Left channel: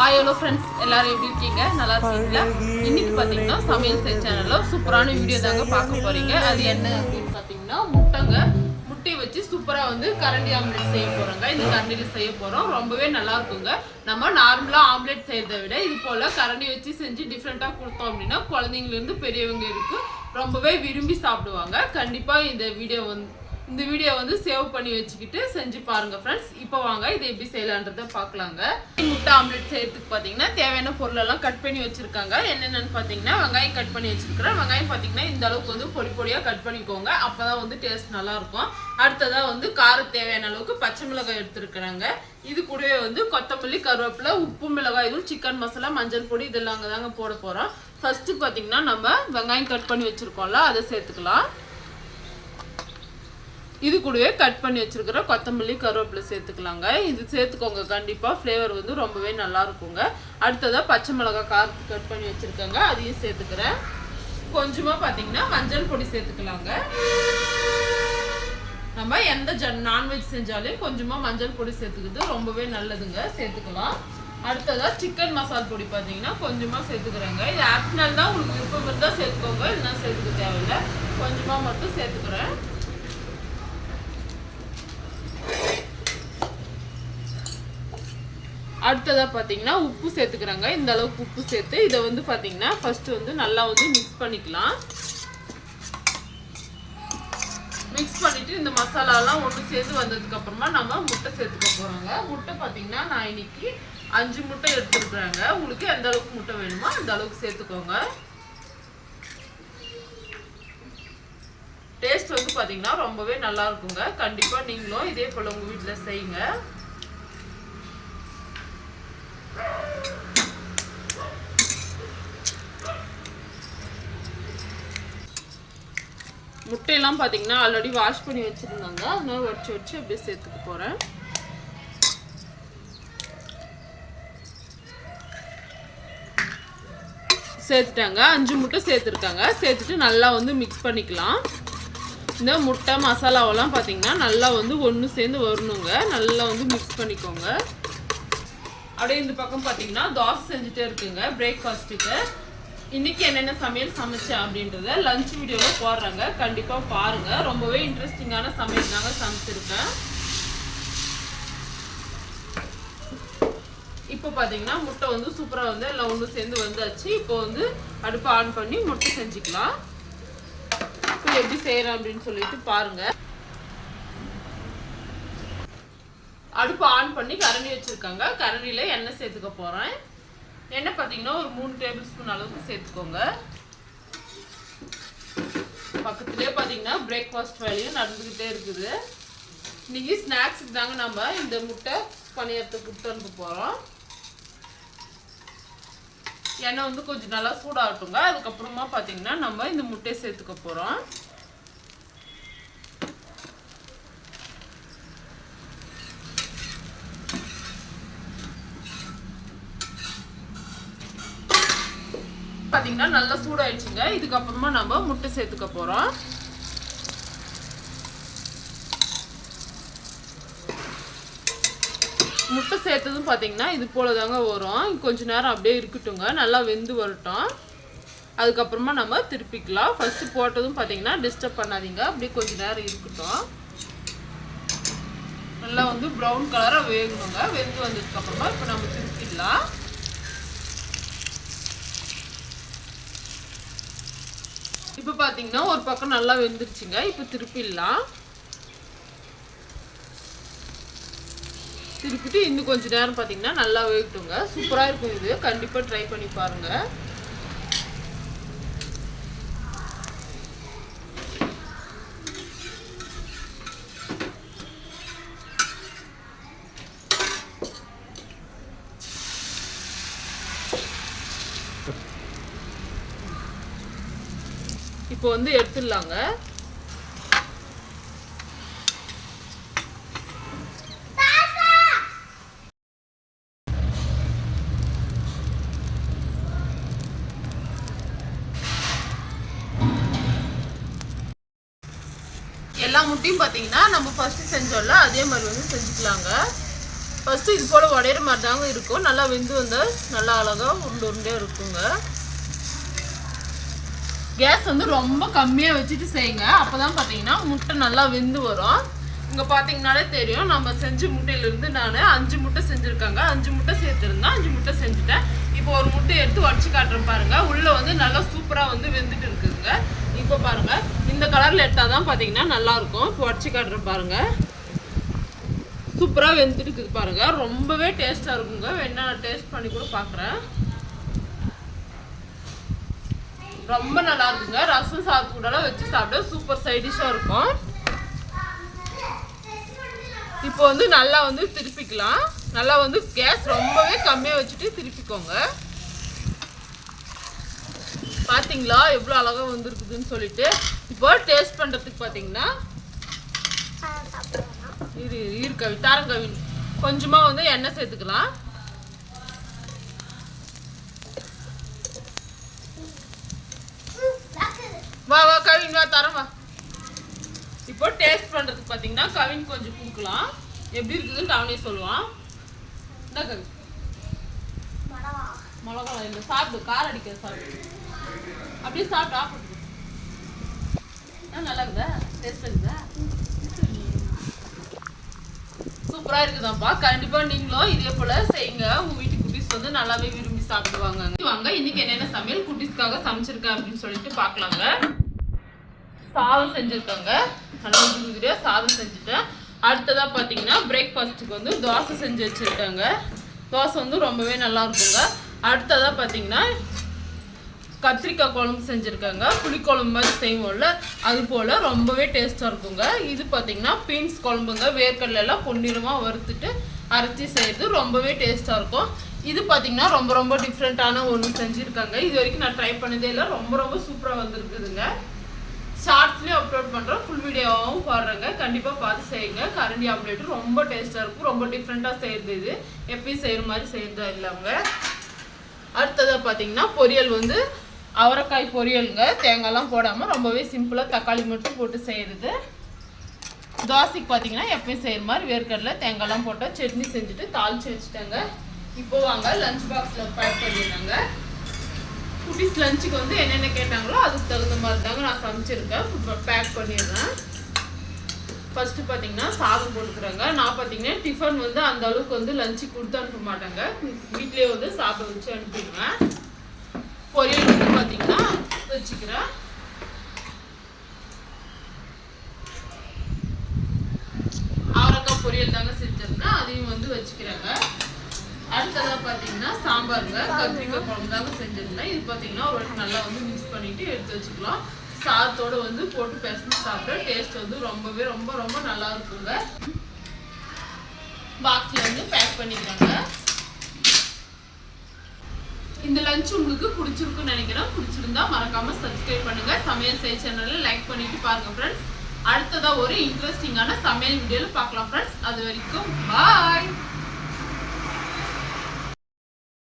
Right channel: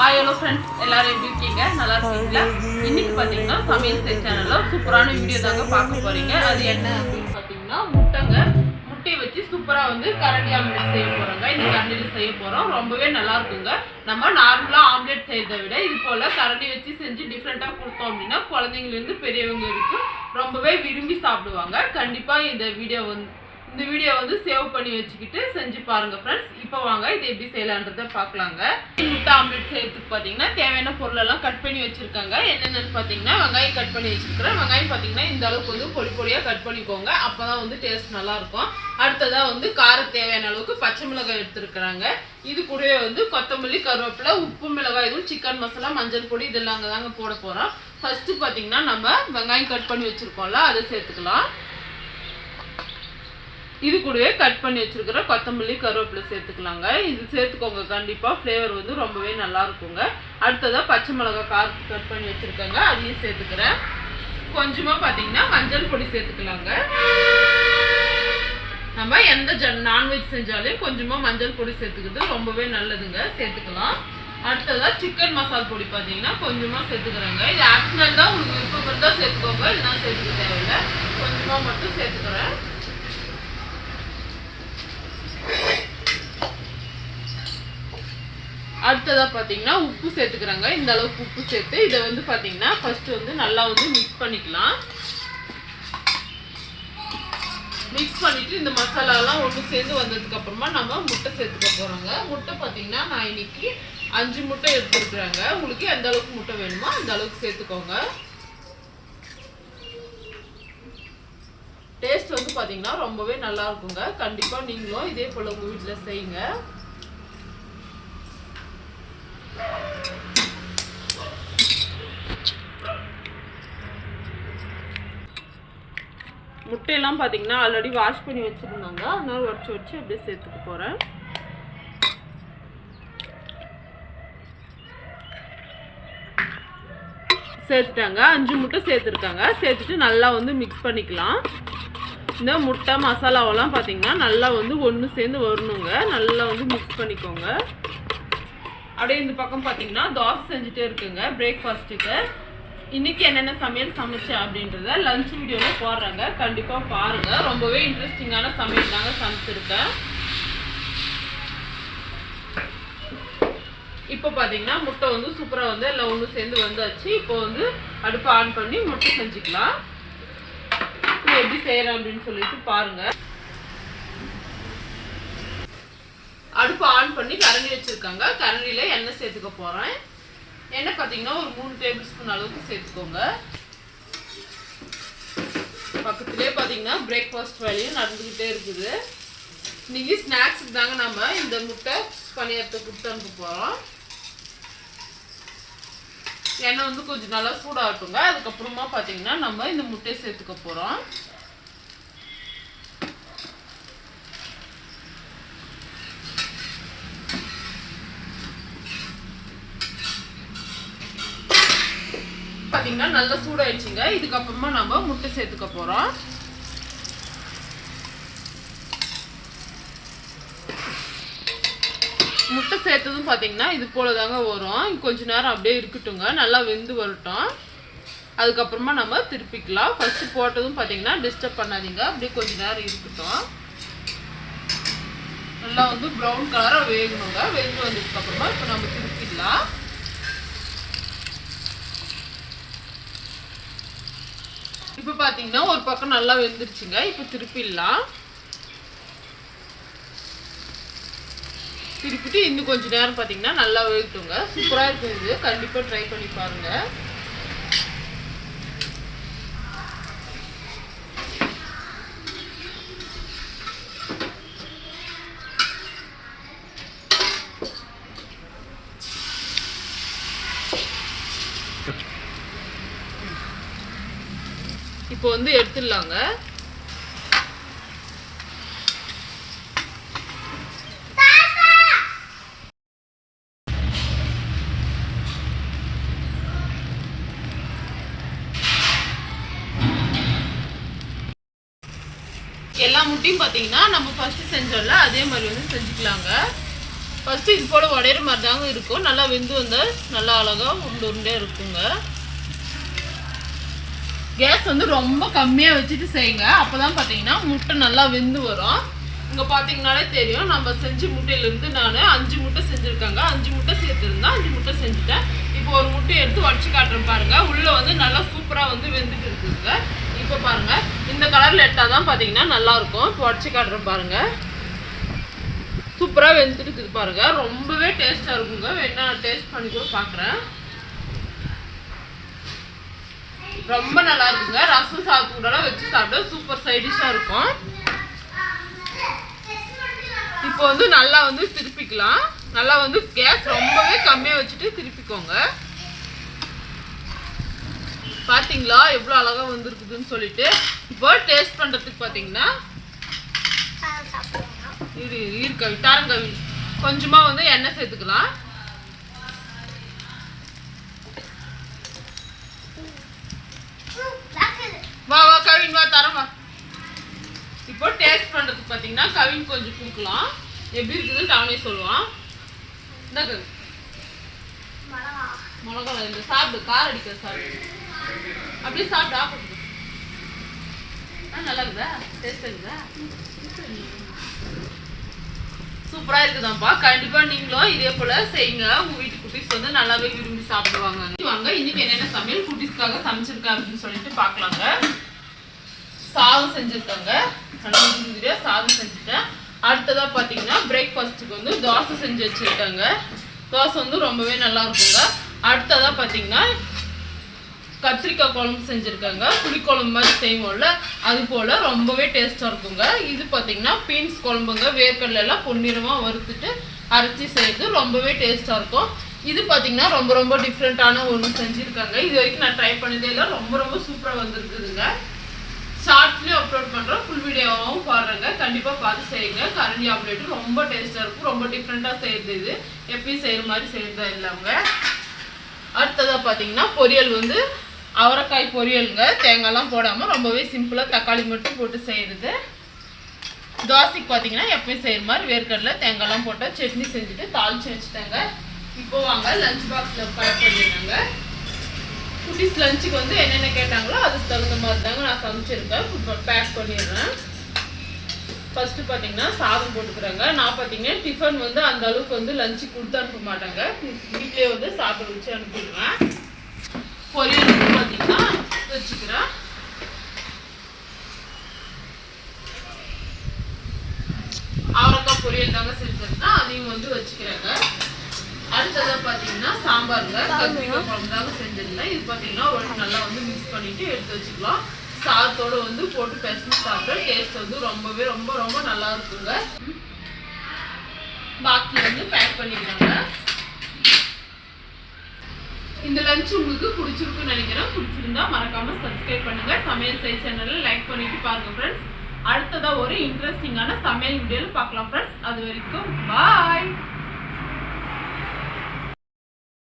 Hello friends, எல்லாரும் எப்படி இருக்கீங்க? நல்லா இருக்கீங்களா? இன்னைக்கு பாத்தீங்கன்னா சமையல் சேனல்ல சூப்பரான வீடியோ தாங்க பார்க்க போறீங்க. அது என்ன அப்படின்னு பாத்தீங்கன்னா முட்டையை வச்சு சூப்பரா வந்து கரண்டி ஆம்லெட் செய்ய போறோங்க. இந்த கரண்டில செய்ய போறோம். ரொம்பவே நல்லா இருக்குங்க. நம்ம நார்மலா ஆம்லெட் செய்யறதை விட இது போல கரண்டி வச்சு செஞ்சு டிஃப்ரெண்டா கொடுத்தோம் அப்படின்னா குழந்தைங்கல இருந்து பெரியவங்க இருக்கு ரொம்பவே விரும்பி சாப்பிடுவாங்க. கண்டிப்பா இந்த வீடியோ வந்து சேவ் பண்ணி வச்சுக்கிட்டு செஞ்சு பாருங்க ஃப்ரெண்ட்ஸ். இப்போ வாங்க இதை எப்படி செய்யலான்றதை பார்க்கலாங்க. முட்டை ஆம்லெட் செய்யறதுக்கு பார்த்தீங்கன்னா தேவையான பொருளெல்லாம் கட் பண்ணி வச்சிருக்காங்க. என்னென்னு பார்த்தீங்கன்னா வெங்காயம் கட் பண்ணி வச்சிருக்கிறேன். வெங்காயம் பார்த்தீங்கன்னா இந்த அளவுக்கு வந்து பொடி பொடியாக கட் பண்ணிக்கோங்க. அப்போதான் வந்து டேஸ்ட் நல்லா இருக்கும். அடுத்ததாக வந்து காரம் தேவையான அளவுக்கு பச்சை மிளகாய் எடுத்துருக்குறாங்க. இது கூடவே வந்து கொத்தமல்லி, கருவேப்பிலை, உப்பு, மிளகாய் தூள், சிக்கன் மசாலா, மஞ்சள் பொடி இதெல்லாம் தாங்க போட போகிறோம். ஃபர்ஸ்ட் பார்த்தீங்கன்னா நம்ம வெங்காயம் கட் பண்ணி வச்சிருக்கோம்ல அதை சேர்த்துக்கலாம். இது கூடவே கட் பண்ணி வச்சிருக்கிற கொத்தமல்லி, கருவேப்பிலை சேர்த்துக்கலாங்க. இது சேர்த்துக்கோங்க, கண்டிப்பாக ஃப்ளேவர் வந்து ரொம்பவே நல்லா இருக்குங்க. அடுத்ததாக பச்சை மிளகாய் காரத்துக்கு கட் பண்ணி வச்சுருக்கேங்க, அதையும் சேர்த்துக்கிறேன். கொஞ்சமாக பார்த்தீங்கன்னா மஞ்சள் பொடி சேர்த்துக்கலாங்க. நம்ம எந்த நான்வெஜ் செஞ்சாலும் கொஞ்சமாக மஞ்சள் பொடி சேர்த்துக்கிறது ரொம்பவே நல்லதுங்க, சேர்த்துக்கலாம். அடுத்ததாக சிக்கன் மசால் பொடி பார்த்தீங்கன்னா கொஞ்சமாக சேர்த்துக்கிறேங்க. இது ஆப்ஷனல் தான், உங்களுக்கு விருப்பம் இருந்தால் சேர்த்துக்கோங்க, இல்லைனா சேர்த்துக்க தேவையில்லை. கொஞ்சமாக மட்டும் சேர்த்துக்கிறேன். அடுத்ததாக பார்த்தீங்கன்னா உப்பு சேர்த்துக்கிறாங்க. இந்த அளவுக்கு உப்பு சேர்த்து இதை வந்து பார்த்தீங்கன்னா ஃபர்ஸ்ட் வந்து நல்லா வந்து மிக்ஸ் பண்ணிக்கலாம். மிக்ஸ் பண்ணிட்டு இந்த மசாலாலாம் ஒன்று சேர்ந்து வந்ததுக்கு அப்புறமா நம்ம முட்டை சேர்த்துக்க போறோங்க. முட்டை பார்த்தீங்கன்னா நான் இன்னைக்கு 5 முட்டை எடுத்துருக்குறாங்க. உங்களுக்கு எந்த அளவுக்கு முட்டை வேணுமோ அந்த அளவுக்கு சேர்த்துக்கோங்க. டேஸ்ட் வந்து பார்த்தீங்கன்னா ரொம்பவே நல்லா இருக்குங்க. கண்டிப்பாக நீங்களும் இதே போல் உங்கள் வீட்டில் செய்யுங்க. முட்டையெல்லாம் பார்த்தீங்கன்னா ஆல்ரெடி வாஷ் பண்ணி வச்சுருந்தாங்க, அதனால வச்சு அப்படியே சேர்த்துக்க போகிறேன். சேர்த்துட்டாங்க, 5 முட்டை சேர்த்துருக்காங்க. சேர்த்துட்டு நல்லா வந்து மிக்ஸ் பண்ணிக்கலாம். இந்த முட்டை மசாலாவெல்லாம் பார்த்தீங்கன்னா நல்லா வந்து ஒன்று சேர்ந்து வரணுங்க. நல்லா வந்து மிக்ஸ் பண்ணிக்கோங்க. அப்படியே இந்த பக்கம் பார்த்தீங்கன்னா தோசை செஞ்சுட்டே இருக்குங்க பிரேக்ஃபாஸ்ட்டுக்கு. இன்னைக்கு என்னென்ன சமையல் சமைச்சேன் அப்படின்றத லஞ்ச் வீடியோவில் போடுறாங்க, கண்டிப்பாக பாருங்கள். ரொம்பவே இன்ட்ரெஸ்டிங்கான சமையல் தாங்க சமைச்சிருக்கேன். இப்போ பார்த்தீங்கன்னா முட்டை வந்து சூப்பராக வந்து எல்லாம் ஒன்று சேர்ந்து வந்தாச்சு. இப்போ வந்து அடுப்பை ஆன் பண்ணி முட்டை செஞ்சுக்கலாம். இது எப்படி செய்கிறேன் அப்படின்னு சொல்லிட்டு பாருங்கள். அடுப்பு ஆன் பண்ணி கரண்டி வச்சுருக்காங்க. கரண்டியில் எண்ணெய் சேர்த்துக்க போகிறேன். எண்ணெய் பார்த்தீங்கன்னா ஒரு 3 டேபிள் ஸ்பூன் அளவுக்கு சேர்த்துக்கோங்க. பக்கத்துலேயே பார்த்தீங்கன்னா பிரேக்ஃபாஸ்ட் வேலையும் நடந்துக்கிட்டே இருக்குது. இன்னைக்கு ஸ்நாக்ஸுக்கு தாங்க நம்ம இந்த முட்டை பணியாரத்துக்கு கொடுத்து அனுப்ப போகிறோம். எண்ணெய் வந்து கொஞ்சம் நல்லா சூடாகட்டுங்க. அதுக்கப்புறமா பார்த்தீங்கன்னா நம்ம இந்த முட்டையை சேர்த்துக்க போகிறோம். பார்த்தீங்கன்னா நல்லா சூடாயிடுச்சுங்க. இதுக்கப்புறமா நம்ம முட்டை சேர்த்துக்க போகிறோம். முட்டை சேர்த்ததும் பார்த்தீங்கன்னா இது போல தாங்க வரும். கொஞ்ச நேரம் அப்படியே இருக்கட்டுங்க, நல்லா வெந்து வரட்டும். அதுக்கப்புறமா நம்ம திருப்பிக்கலாம். ஃபர்ஸ்ட் போட்டதும் பார்த்தீங்கன்னா டிஸ்டர்ப் பண்ணாதீங்க, அப்படியே கொஞ்ச நேரம் இருக்கட்டும். நல்லா வந்து ப்ரௌன் கலராக வேகணுங்க. வெந்து வந்ததுக்கப்புறமா இப்போ நம்ம திருப்பிக்கலாம். இப்போ பார்த்தீங்கன்னா ஒரு பக்கம் நல்லா வெந்துருச்சுங்க. இப்போ திருப்பிடலாம். திருப்பிட்டு இன்னும் கொஞ்சம் நேரம் பார்த்தீங்கன்னா நல்லா வேகட்டுங்க. சூப்பராக இருக்கும். இது கண்டிப்பாக ட்ரை பண்ணி பாருங்கள். இப்போ வந்து எடுத்துடலாங்க. எல்லா முட்டையும் பார்த்தீங்கன்னா நம்ம ஃபஸ்ட்டு செஞ்சோம்ல அதே மாதிரி வந்து செஞ்சுக்கலாங்க. ஃபஸ்ட்டு இது போல் உடையிற மாதிரி தாங்க இருக்கும். நல்லா வெந்து வந்தால் நல்லா அழகாக உருண்டை உருண்டையாக இருக்குங்க. கேஸ் வந்து ரொம்ப கம்மியாக வச்சுட்டு செய்யுங்க. அப்போ தான் பார்த்தீங்கன்னா முட்டை நல்லா வெந்து வரும். இங்கே பார்த்தீங்கன்னாலே தெரியும், நம்ம செஞ்ச முட்டையிலேருந்து நான் 5 முட்டை செஞ்சுருக்காங்க. 5 முட்டை சேர்த்துருந்தேன், 5 முட்டை செஞ்சுட்டேன். இப்போ ஒரு முட்டையை எடுத்து உடச்சி காட்டுறேன் பாருங்கள். உள்ளே வந்து நல்லா சூப்பராக வந்து வெந்துட்டு இருக்குதுங்க. இப்போ பாருங்கள், இந்த கலரில் எடுத்தால் தான் பார்த்தீங்கன்னா நல்லாயிருக்கும். இப்போ உடச்சி காட்டுறேன் பாருங்கள். சூப்பராக வெந்துட்டு இருக்குது பாருங்கள். ரொம்பவே டேஸ்ட்டாக இருக்குங்க. வேணா நான் டேஸ்ட் பண்ணி கூட பார்க்குறேன். ரொம்ப நல்லா இருக்குங்க. ரசம் சாதத்துக்கூடலாம் வச்சு சாப்பிட்டா சூப்பர் சைடிஷாக இருக்கும். இப்போ வந்து நல்லா வந்து திருப்பிக்கலாம். நல்லா வந்து கேஸ் ரொம்பவே கம்மியாக வச்சுட்டு திருப்பிக்கோங்க. பார்த்தீங்களா எவ்வளோ அழகாக வந்துருக்குதுன்னு சொல்லிட்டு. இப்போ டேஸ்ட் பண்ணுறதுக்கு பார்த்தீங்கன்னா ஈர்க்கவி தாரங்கவி கொஞ்சமாக வந்து எண்ணெய் சேர்த்துக்கலாம். வா வா கவின் வா தரம் வா. இப்போ டேஸ்ட் பண்ணுறதுக்கு பார்த்தீங்கன்னா கவின் கொஞ்சம் கொடுக்கலாம். எப்படி இருக்குதுன்னு அவனே சொல்லுவான். என்ன கவி மிளகா இந்த சாப்பிடு, காரம் அடிக்கிற சாப்பிடு. அப்படியே சாப்பிட்டு ஆப்பிட்டு. நல்லா இருக்குதா? டேஸ்ட் இருக்குதா? சூப்பராக இருக்குதான்ப்பா. கண்டிப்பாக நீங்களும் இதே போல் செய்யுங்க. உங்கள் வீட்டு குட்டீஸ் வந்து நல்லாவே விரும்பி சாப்பிடுவாங்க. வாங்க இன்னைக்கு என்னென்ன சமையல் குட்டீஸ்க்காக சமைச்சிருக்கேன் அப்படின்னு சொல்லிட்டு பார்க்கலாங்க. சாதம் செஞ்சுருக்காங்க. நல்லா உதிரியா சாதம் செஞ்சுட்டேன். அடுத்ததாக பார்த்தீங்கன்னா பிரேக்ஃபாஸ்ட்டுக்கு வந்து தோசை செஞ்சு வச்சுருக்காங்க. தோசை வந்து ரொம்பவே நல்லா இருக்குங்க. அடுத்ததாக பார்த்தீங்கன்னா கத்திரிக்காய் குழம்பு செஞ்சுருக்காங்க. புளிக்குழம்பு மாதிரி செய்வோம்ல அது போல் ரொம்பவே டேஸ்ட்டாக இருக்குங்க. இது பார்த்தீங்கன்னா பீன்ஸ் குழம்புங்க. வேர்க்கடலாம் பொன்னிறமாக வறுத்துட்டு அரைச்சி செய்கிறது ரொம்பவே டேஸ்ட்டாக இருக்கும். இது பார்த்தீங்கன்னா ரொம்ப ரொம்ப டிஃப்ரெண்ட்டான ஒன்று செஞ்சுருக்காங்க. இது வரைக்கும் நான் ட்ரை பண்ணதே இல்லை. ரொம்ப ரொம்ப சூப்பராக வந்துருக்குதுங்க. ஷார்ட்ஸ்லேயும் அப்லோட் பண்ணுறோம், ஃபுல் வீடியோவும் பாடுறேங்க. கண்டிப்பாக பார்த்து செய்யுங்க. கரண்டி ஆம்லேட்டு ரொம்ப டேஸ்ட்டாக இருக்கும். ரொம்ப டிஃப்ரெண்ட்டாக செய்கிறது. இது எப்பயும் செய்கிற மாதிரி செய்கிறதா இல்லைங்க. அடுத்ததாக பார்த்தீங்கன்னா பொரியல் வந்து அவரைக்காய் பொரியலுங்க. தேங்காய்லாம் போடாமல் ரொம்பவே சிம்பிளாக தக்காளி மட்டும் போட்டு செய்கிறது. தோசைக்கு பார்த்தீங்கன்னா எப்பயும் செய்கிற மாதிரி வேர்க்கடலை தேங்காய்லாம் போட்டால் சட்னி செஞ்சுட்டு தாளித்து வச்சுட்டாங்க. இப்போ வாங்க லஞ்ச் பாக்ஸில் பேக் பண்ணிடுறாங்க. குட்டீஸ் லஞ்சுக்கு வந்து என்னென்ன கேட்டாங்களோ அதுக்கு தகுந்த மாதிரி தாங்க நான் சமைச்சிருக்கேன். இப்போ பேக் பண்ணிடுறேன். ஃபஸ்ட்டு பார்த்தீங்கன்னா சாதம் போட்டுக்கிறாங்க. நான் பார்த்தீங்கன்னா டிஃபன் வந்து அந்த அளவுக்கு வந்து லஞ்சு கொடுத்து அனுப்ப மாட்டாங்க. வீட்லேயே வந்து சாப்பிட வச்சு அனுப்பிடுவேன். பொரியல் வந்து பார்த்தீங்கன்னா வச்சுக்கிறேன். அவரைக்காய் பொரியல் தாங்க செஞ்சிருந்தேன். அதையும் வந்து வச்சுக்கிறாங்க. அடுத்ததாக பார்த்தீங்கன்னா சாம்பாருங்க. கத்திரிக்காய் குழம்பு தாங்க செஞ்சிருந்தேன். இது பார்த்தீங்கன்னா ஒரு நல்லா வந்து மிக்ஸ் பண்ணிட்டு எடுத்து வச்சுக்கலாம். சாதத்தோடு வந்து போட்டு பெசஞ்சு சாப்பிட்ற டேஸ்ட் வந்து ரொம்பவே ரொம்ப ரொம்ப நல்லா இருக்குங்க. பாக்ஸில் வந்து பேக் பண்ணிக்கிறாங்க. இந்த லஞ்ச் உங்களுக்கு பிடிச்சிருக்குன்னு நினைக்கிறேன். பிடிச்சிருந்தா மறக்காம சப்ஸ்கிரைப் பண்ணுங்க. சமையல் செய் சேனலில் லைக் பண்ணிட்டு பாருங்க ஃப்ரெண்ட்ஸ். அடுத்ததாக ஒரு இன்ட்ரெஸ்டிங்கான சமையல் வீடியோவில் பார்க்கலாம் ஃப்ரெண்ட்ஸ். அது வரைக்கும் பாய்.